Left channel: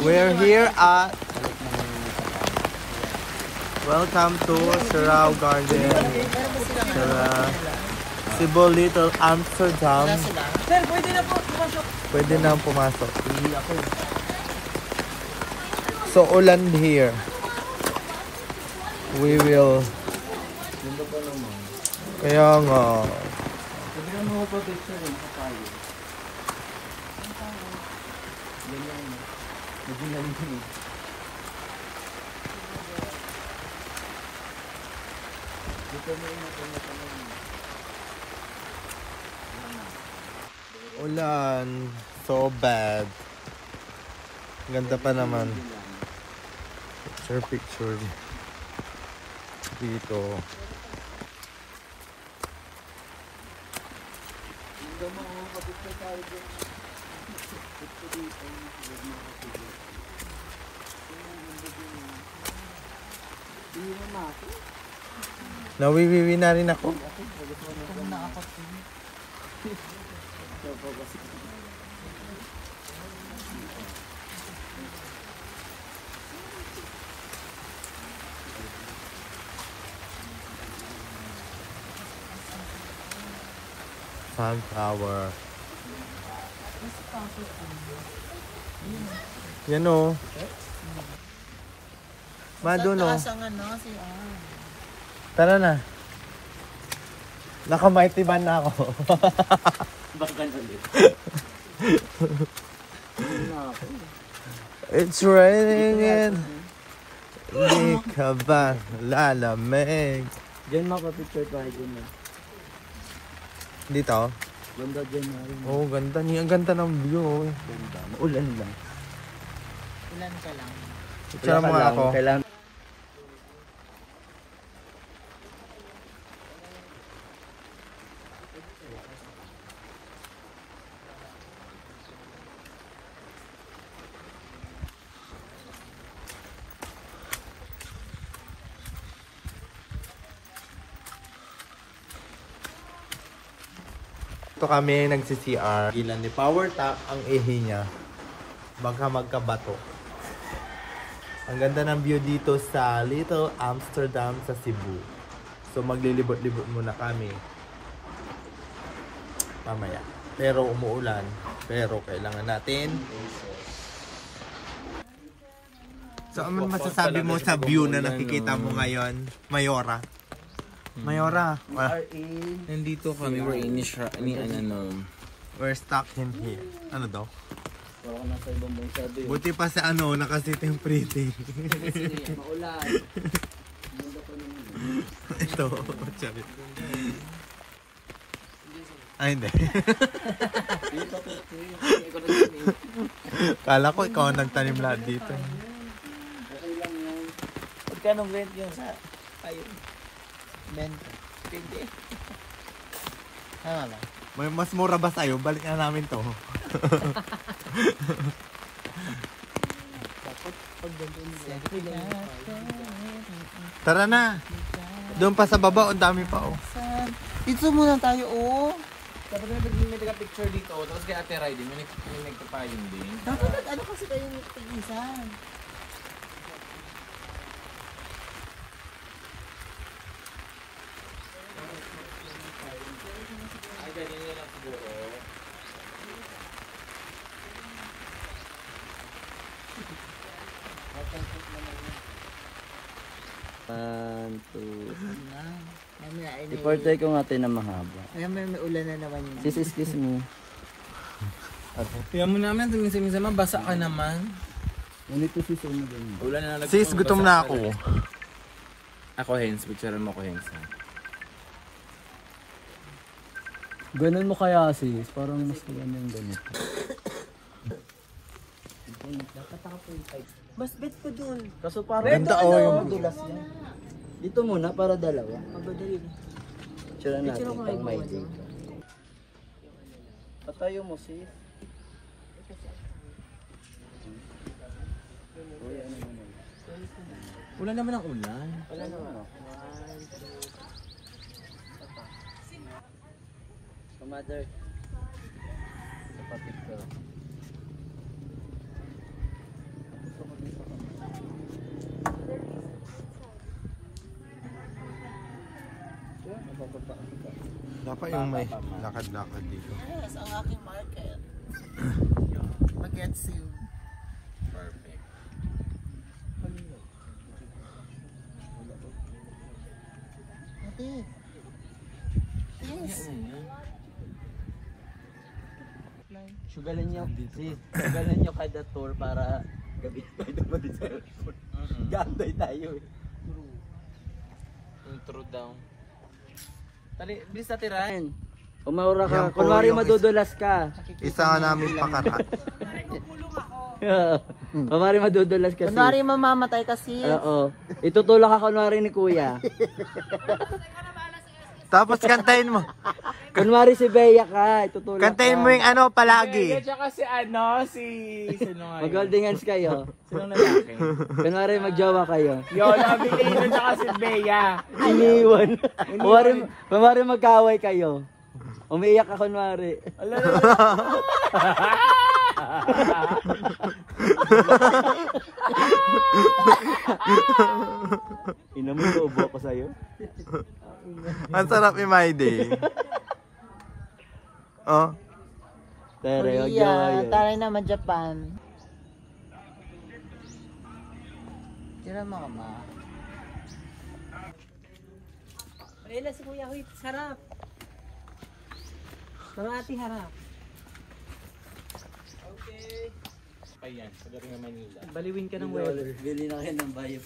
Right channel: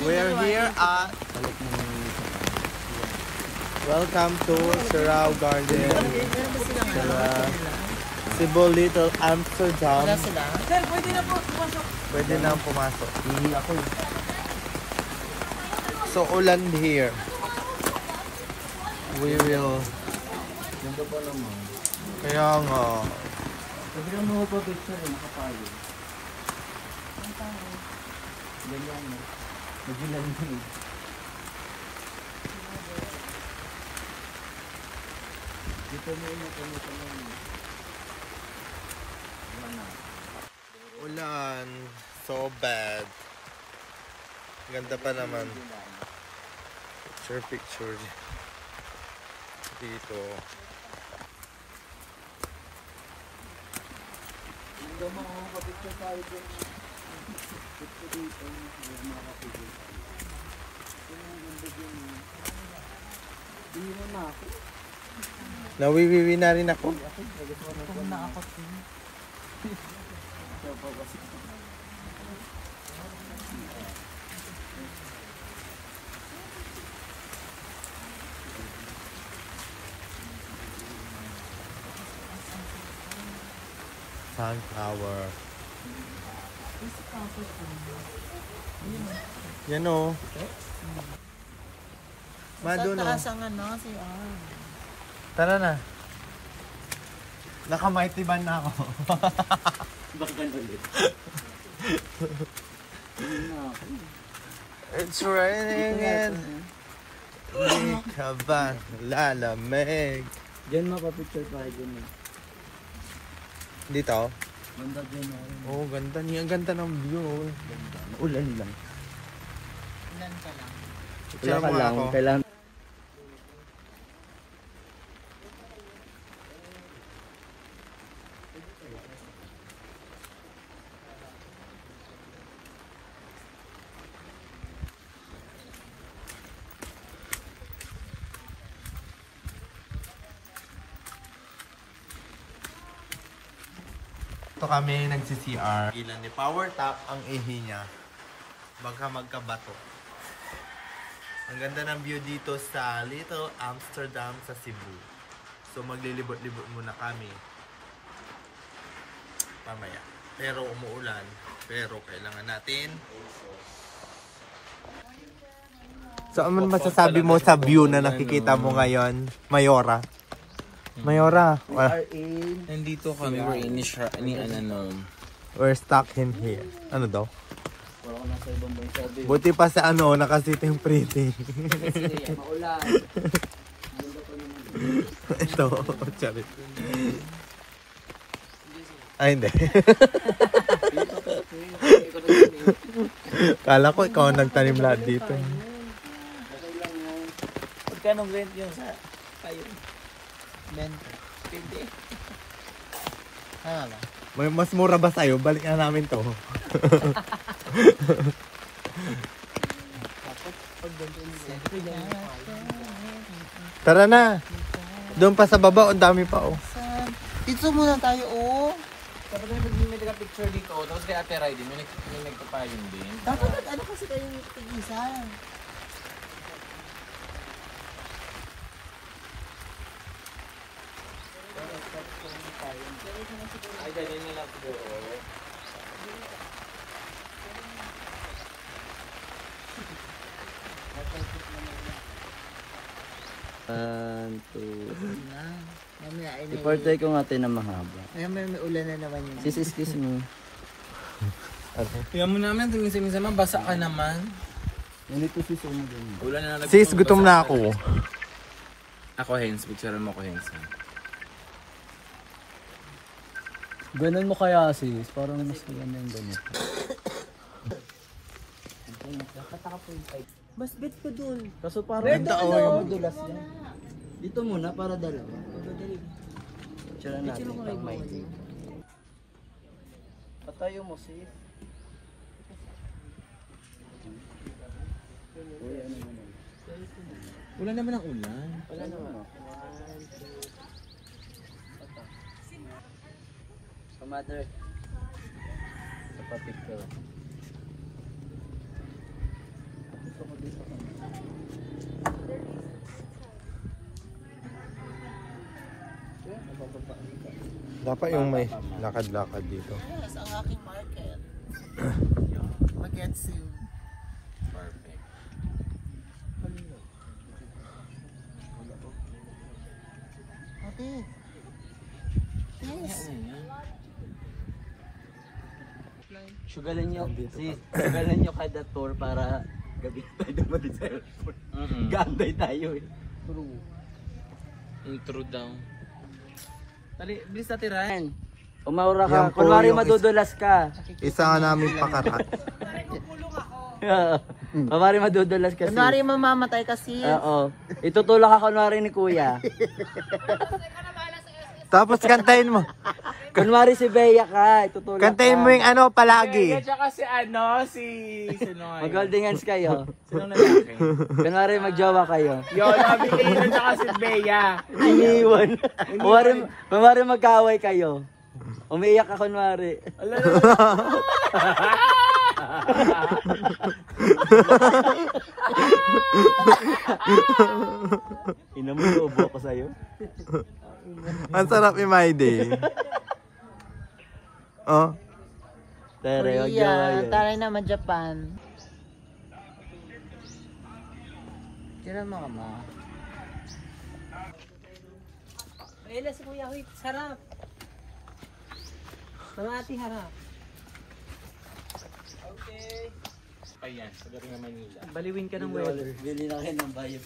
We're here at welcome to Surau Garden, Cebu Little Amsterdam. Pwede na pumasok. So ulan here. We will. Kaya nga. Ulan. So bad. Ganda pa naman. Picture dito. Nawiwiwi na rin ako. Sunflower. Yan o. Madon o. Tara na. Nakamaitiban na ako. It's raining and hindi ka ba lalamig? Diyan makapicture tayo dun. Dito? Ganda dyan. Oo, ganda. Ang ganda ng view. Ulan ba? Ulan ka lang. Picture mo nga ako. Kailangan. Ito kami nagsi-CR. Ilan ni Power Tap ang ihi niya. Baka magkabato. Ang ganda ng view dito sa Little Amsterdam sa Cebu. So maglilibot-libot muna kami. Mamaya. Pero umuulan. Pero kailangan natin. So ano masasabi mo sa view na nakikita mo ngayon, Mayora? Mayora, Nandito kami. We're in we're stuck in here. Ano daw? Buti pa sa ano, nakasitting pretty. Ito, sabi. Ay, hindi. Kala ko ikaw ang nagtanim lahat dito. Magkano rent yung sa ayun? 20. Tama ba? May mas mura ba sa'yo? Balik na namin to. Tara na. Doon pa sa baba, ang dami pa oh. Dito muna tayo oh. Pero may nag-picture dito. Tapos kay Ate Rai din. May nagpapaling din. Dapat ano kasi kayo tig-isa? Ay, ganyan nila siguro. I-portray ko nga tayo na mahaba. Kaya may ulan na naman yun. Sis, excuse mo. Tingnan mo naman, tingnan basa ka naman. Ganito sis mo din. Sis, gutom na ako. Ako, Hens. Picture mo ko, Hens. Ganun mo kaya sis, parang mas maganda yung ganito. Mas bet ko dun. Kaso parang Ganda oh yung Dulas yan. dito muna para dalawa. Magadali. Picture natin pang mic. Patayo mo sis. Wala naman ang ulan. Wala naman. So mother. Sa picture. Dapat yung may lakad-lakad dito. Yes, ang aking market. Magets you. Perfect. Ate. Yes. Sugalan nyo, sis. Sugalan nyo kada tour para gabi tayo naman sa cellphone. Gambay tayo eh. True. Intro down. Tali, bilis na tirahan. Umaura Yan ka, po kunwari yung madudulas ka. Isa nga namin pakarat. Kunwari madudulas ka, sis. Kunwari mamamatay kasi. Oo. Itutulak ka kunwari ni kuya. Tapos kantahin mo. Kunwari si Bea ka, itutulak Kantahin mo yung ano palagi. Tsaka si ano, si... Mag-holding hands kayo. Sino lalaki? Kunwari magjowa kayo. Yun, sabi ko tsaka si Bea. Iniwan. Kunwari magkaaway kayo. Umiyak ka kunwari. Ina mo, ubo ko sa'yo. Ang sarap ni Maide. Oh. Tere, Korea, magjowa yun. tayo naman Japan. Yan mga ma. Ayun na si Kuya, huy, sarap. Mga ati harap. Ayan, sa gabi ng Manila. Baliwin ka ng weather. Bili na kayo ng bayo.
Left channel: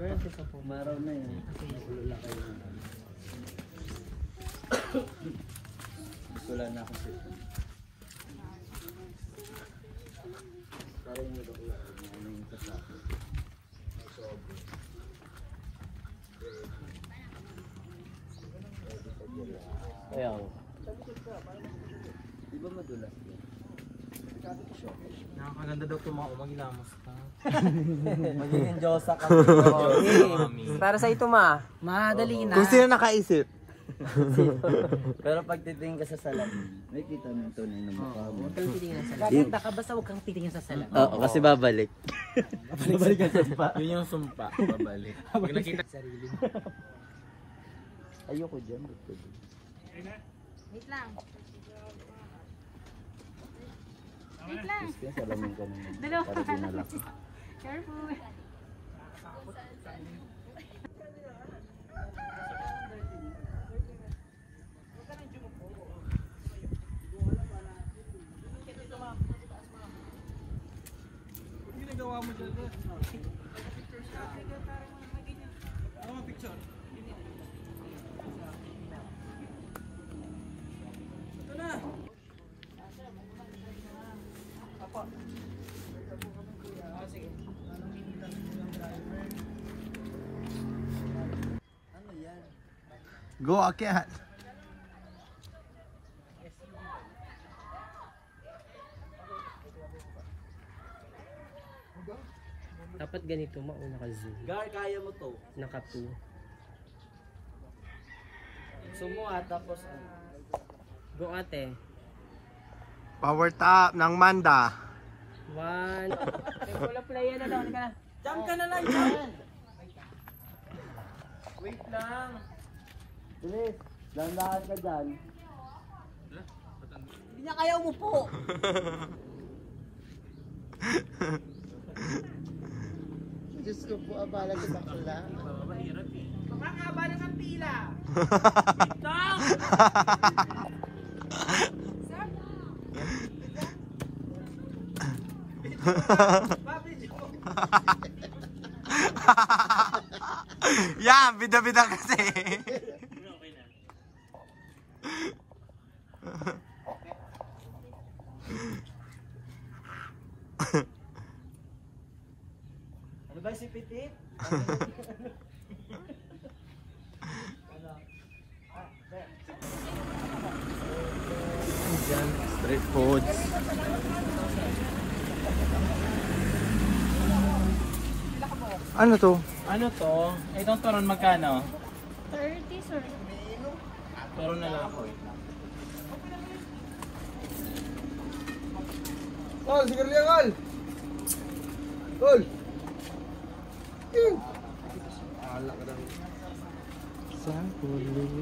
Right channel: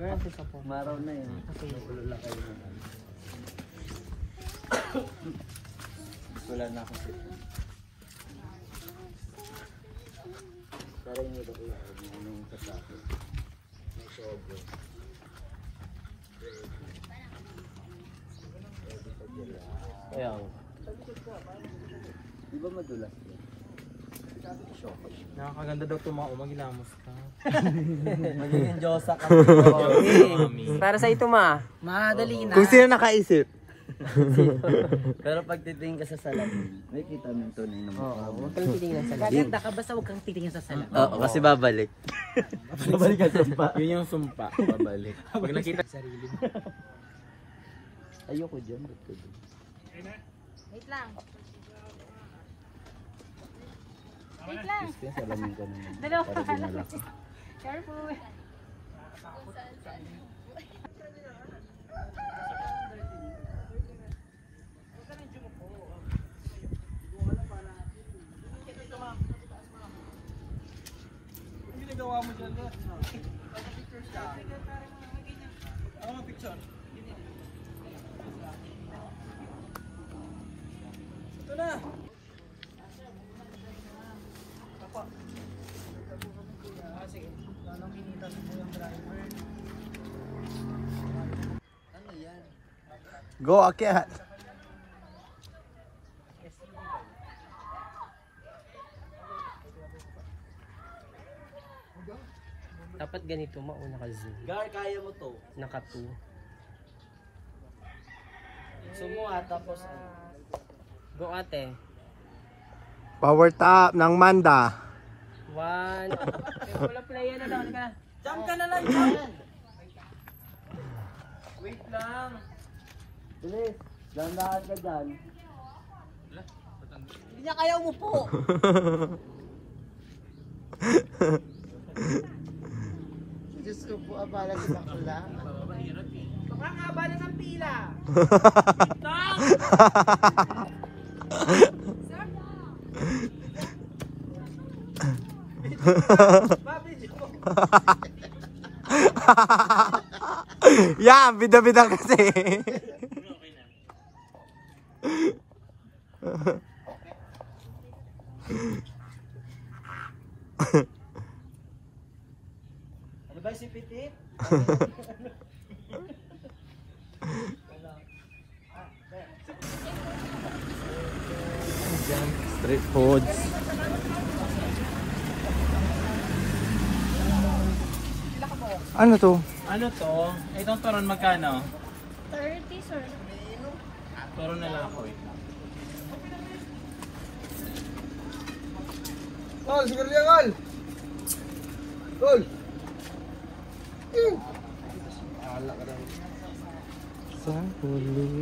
Meron sa po. Maraw na yun. Magulo lang kayo naman. Wala na kasi. Parang mo daw yung kasama. Sobo. Ayaw. Di ba madulas? Nakakaganda daw itong mga umagilamos ka. Magiging Diyosa ka. Para sa ito ma. Madali na. Kung sino nakaisip. Pero pag titingin ka sa salamin, may kita mo ito din naman. Oo, huwag kang titingin sa salamin. Gaganda ka basta huwag kang titingin sa salamin. Oo, kasi babalik. Babalik ka sumpa. Yun yung sumpa, babalik. Pag nakita Sarili. Ayoko dyan, ba't ko dyan? Wait lang. Wait lang. Kaya salamin ka naman. Dalawa Para ka lang. malaki. Careful. Go, akyat. Dapat ganito mauna ka zoom. Gar, kaya mo to. Naka 2. Sumuha tapos ano. Go ate. Power top ng Manda. 1. Wala playa na lang ka. Jump ka na lang yan. Wait lang. Bilis, lahat na dyan. Kanya kaya mo po. Diyos ko po, abala sa pila. mahirap eh. Ang abala ng pila. Yan, bida-bida kasi. Ano ba si Pitit? Street food. Ano to? Ano to? Itong turon magkano? 30, sir. Turon na lang ako. Tol, siguro yan, Tol. Tol. Sa huli.